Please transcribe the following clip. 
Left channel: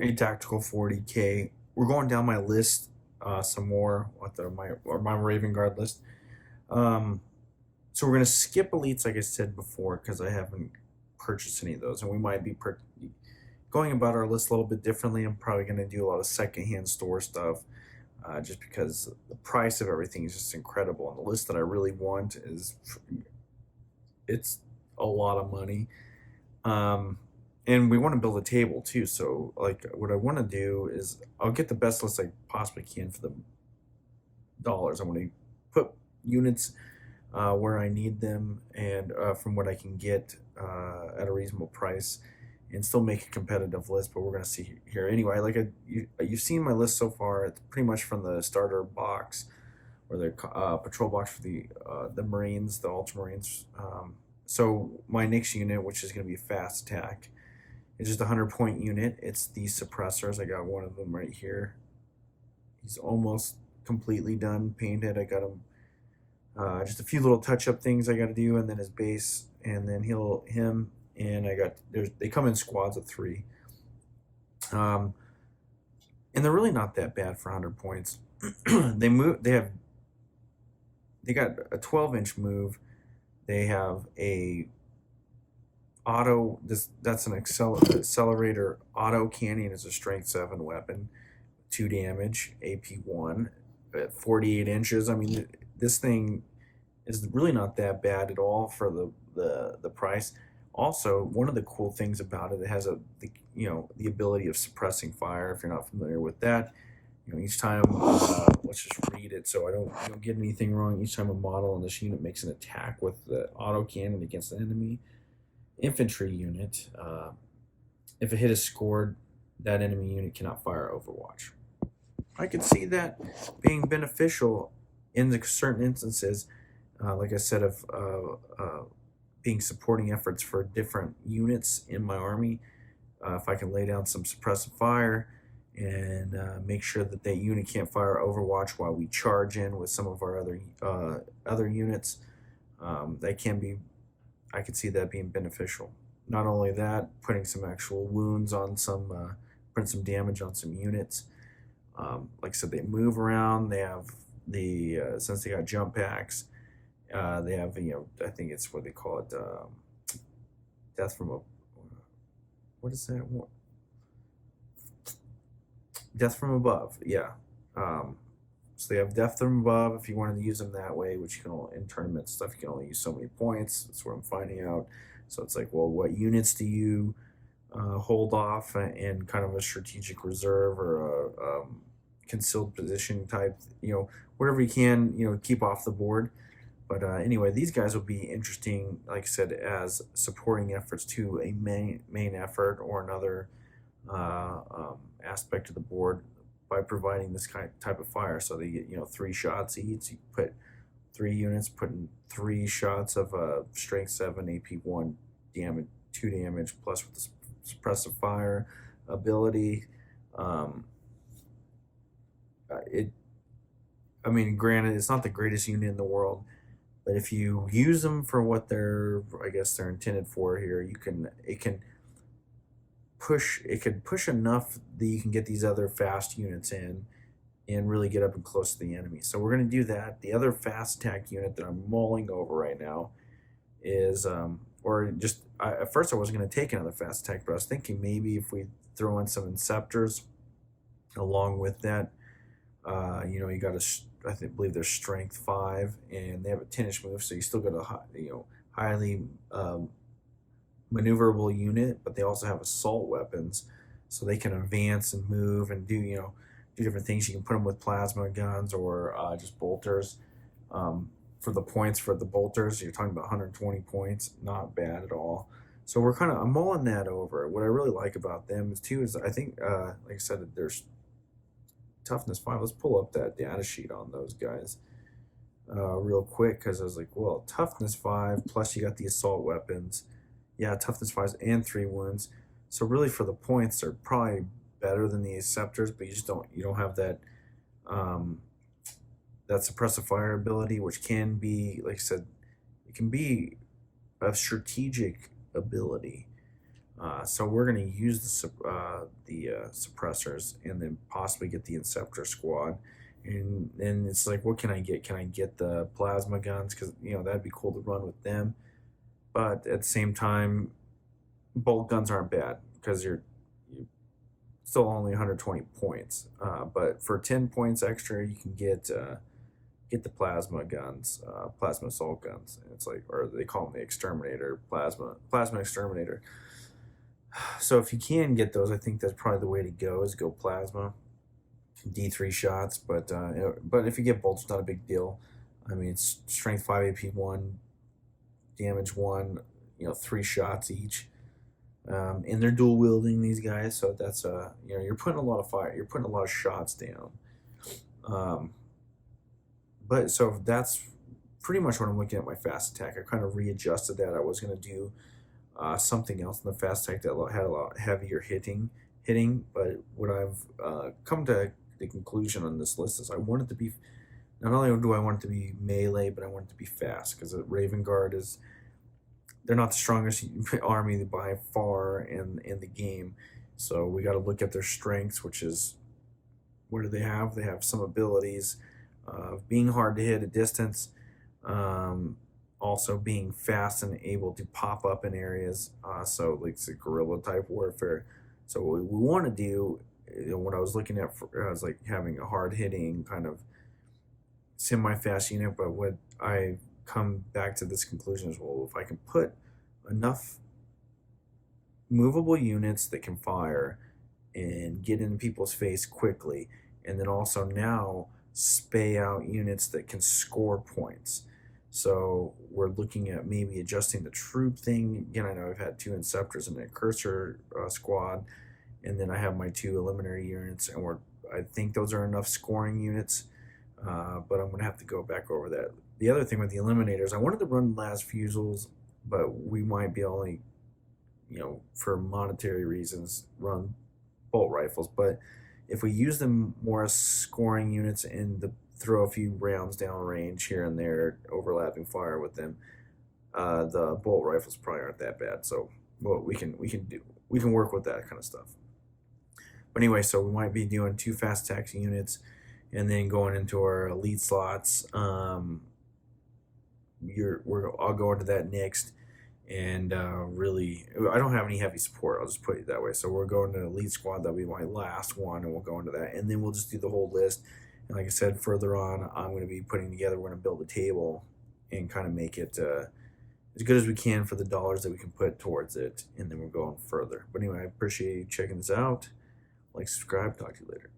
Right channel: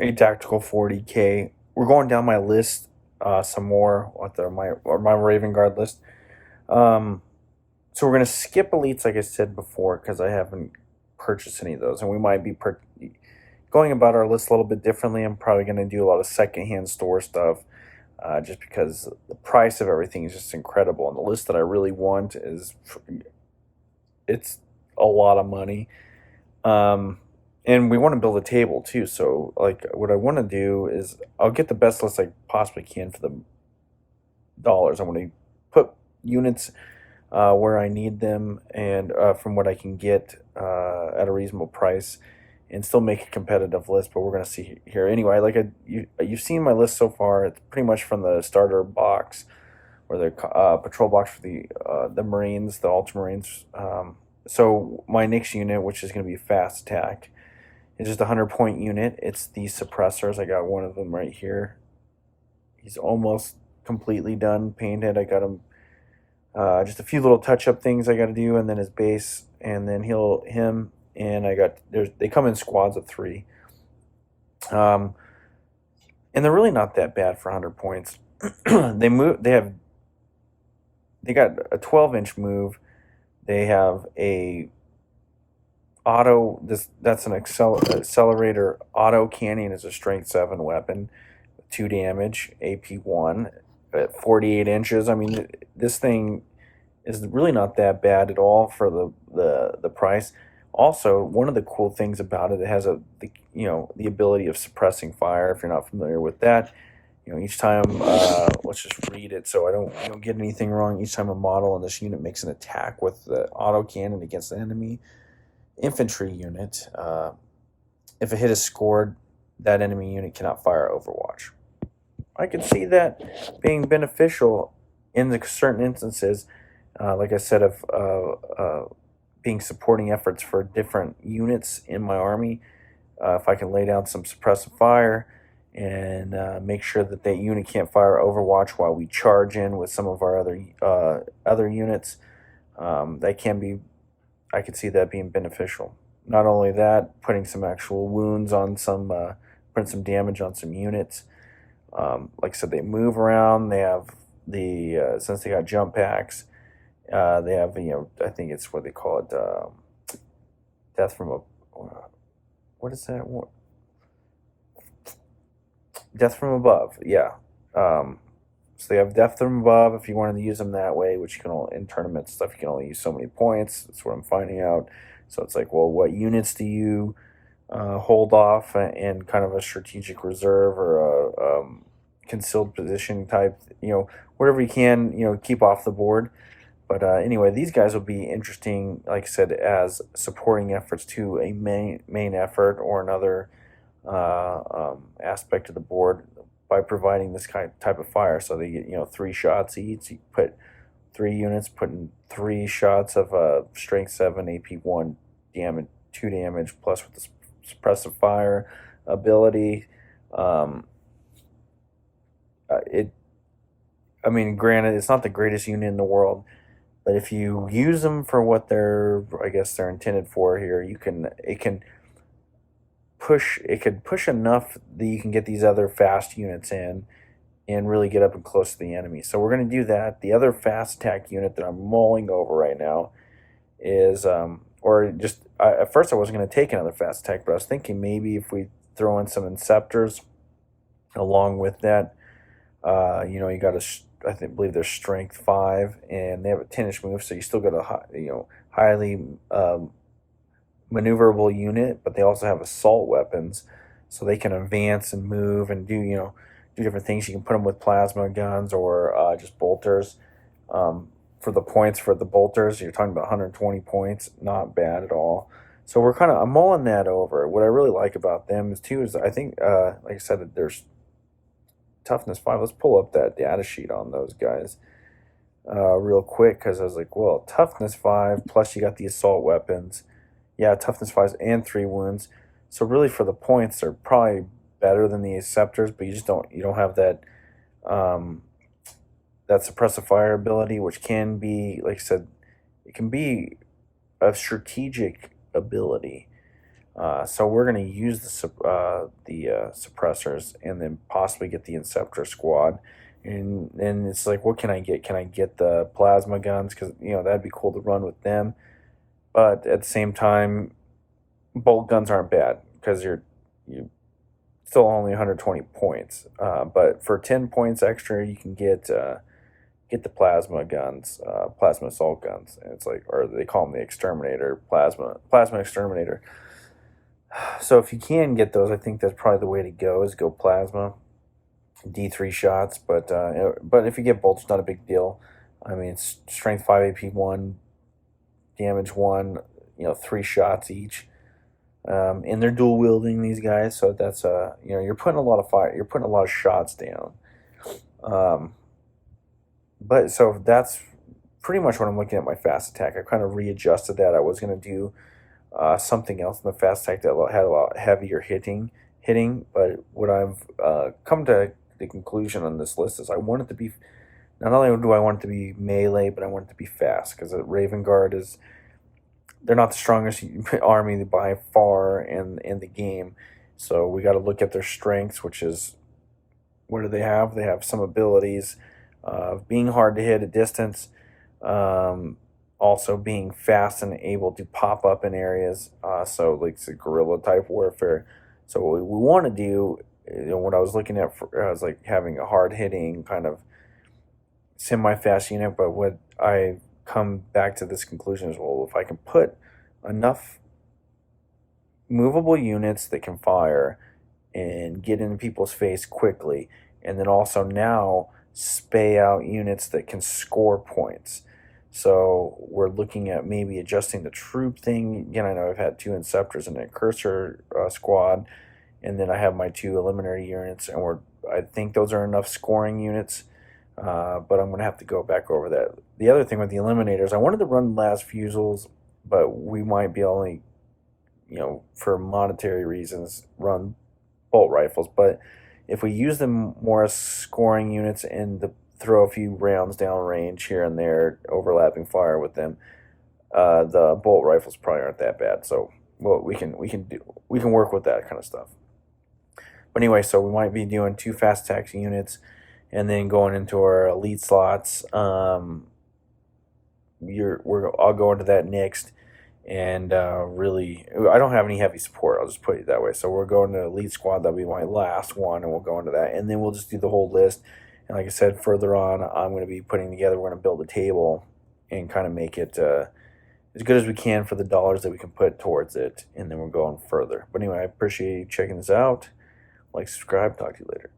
A tactical 40K. We're going down my list some more with my Raven Guard list. Um, so we're gonna skip elites, like I said before, because I haven't purchased any of those, and we might be going about our list a little bit differently. I'm probably gonna do a lot of secondhand store stuff, just because the price of everything is just incredible, and the list that I really want it's a lot of money. Um, and we want to build a table too. So like what I want to do is I'll get the best list I possibly can for the dollars. I want to put units where I need them and from what I can get at a reasonable price and still make a competitive list. But we're going to see here anyway. You've seen my list so far. It's pretty much from the starter box or the patrol box for the Marines, the Ultramarines. So my next unit, which is going to be fast attack, is just a 100-point unit. It's the suppressors. I got one of them right here. He's almost completely done painted. I got him just a few little touch-up things I got to do, and then his base, and then him, and they come in squads of 3. Um, and they're really not that bad for 100 points. They got a 12-inch move. They have a that's an accelerator auto cannon is a strength 7 weapon, 2 damage, AP1 at 48 inches. I mean, this thing is really not that bad at all for the price. Also, one of the cool things about it, it has the ability of suppressing fire. If you're not familiar with that, each time, let's just read it so I don't get anything wrong. Each time a model in this unit makes an attack with the auto cannon against the enemy infantry unit, if a hit is scored, that enemy unit cannot fire Overwatch. I could see that being beneficial in the certain instances, like I said, of being supporting efforts for different units in my army. If I can lay down some suppressive fire and make sure that that unit can't fire Overwatch while we charge in with some of our other units, that can be. I could see that being beneficial. Not only that, putting some actual wounds on putting some damage on some units. Like I said, they move around. They have since they got jump packs, they have I think it's what they call it, death from a what is that? Death from above. Yeah. So they have death from above. If you wanted to use them that way, which you can in tournament stuff, you can only use so many points. That's what I'm finding out. So it's like, well, what units do you hold off in kind of a strategic reserve or a concealed position type? Whatever you can, keep off the board. But anyway, these guys will be interesting, like I said, as supporting efforts to a main effort or another aspect of the board by providing this type of fire. So they get 3 shots each. You put 3 units, putting 3 shots of strength 7 AP1 damage, 2 damage plus with the suppressive fire ability. It. I mean, granted, it's not the greatest unit in the world, but if you use them for what I guess they're intended for here, it could push enough that you can get these other fast units in and really get up and close to the enemy. So we're going to do that. The other fast attack unit that I'm mulling over right now is at first I wasn't going to take another fast attack, but I was thinking maybe if we throw in some Inceptors along with that, you got I believe they're strength 5 and they have a 10-inch move, so you still got a highly maneuverable unit, but they also have assault weapons, so they can advance and move and do different things. You can put them with plasma guns or just bolters. For the points for the bolters, you're talking about 120 points, not bad at all. So I'm mulling that over. What I really like about them is I think, like I said, that there's toughness 5. Let's pull up that data sheet on those guys real quick, because I was like, well, toughness 5 plus you got the assault weapons. Yeah, toughness 5 and 3 wounds. So really, for the points, they're probably better than the Acceptors, but you don't have that that suppressive fire ability, which can be, like I said, it can be a strategic ability. So we're going to use the suppressors and then possibly get the Inceptor squad. And it's like, what can I get? Can I get the plasma guns? Because, that'd be cool to run with them. But at the same time, bolt guns aren't bad because you still only 120 points. But for 10 points extra, you can get the plasma guns, plasma assault guns. And it's like, or they call them the exterminator, plasma exterminator. So if you can get those, I think that's probably the way to go, is go plasma, D3 shots. But if you get bolts, it's not a big deal. I mean, it's strength 5, AP 1, damage 1, 3 shots each. And they're dual wielding, these guys, so that's you're putting a lot of fire, you're putting a lot of shots down. But so that's pretty much what I'm looking at my fast attack. I kind of readjusted that. I was going to do something else in the fast attack that had a lot heavier hitting. But what I've come to the conclusion on this list is I want it to be, not only do I want it to be melee, but I want it to be fast, because Raven Guard they're not the strongest army by far in the game. So we got to look at their strengths, which is, what do they have? They have some abilities of being hard to hit at distance, also being fast and able to pop up in areas. So like it's a guerrilla type warfare. So what we want to do, what I was looking at, I was like having a hard hitting kind of semi-fast unit. But what I come back to this conclusion is, well, if I can put enough movable units that can fire and get into people's face quickly, and then also now spay out units that can score points. So we're looking at maybe adjusting the troop thing. Again, I know I've had 2 Inceptors and a Cursor squad, and then I have my 2 Eliminator units, and I think those are enough scoring units. But I'm going to have to go back over that. The other thing with the Eliminators, I wanted to run Las Fusils, but we might be only, for monetary reasons, run bolt rifles. But if we use them more as scoring units and throw a few rounds down range here and there, overlapping fire with them, the bolt rifles probably aren't that bad. So we can work with that kind of stuff. But anyway, so we might be doing 2 fast attack units, and then going into our elite slots. I'll go into that next. And really, I don't have any heavy support. I'll just put it that way. So we're going to elite squad. That'll be my last one, and we'll go into that. And then we'll just do the whole list. And like I said, further on, I'm going to be putting together, we're going to build a table and kind of make it as good as we can for the dollars that we can put towards it. And then we're going further. But anyway, I appreciate you checking this out. Like, subscribe. Talk to you later.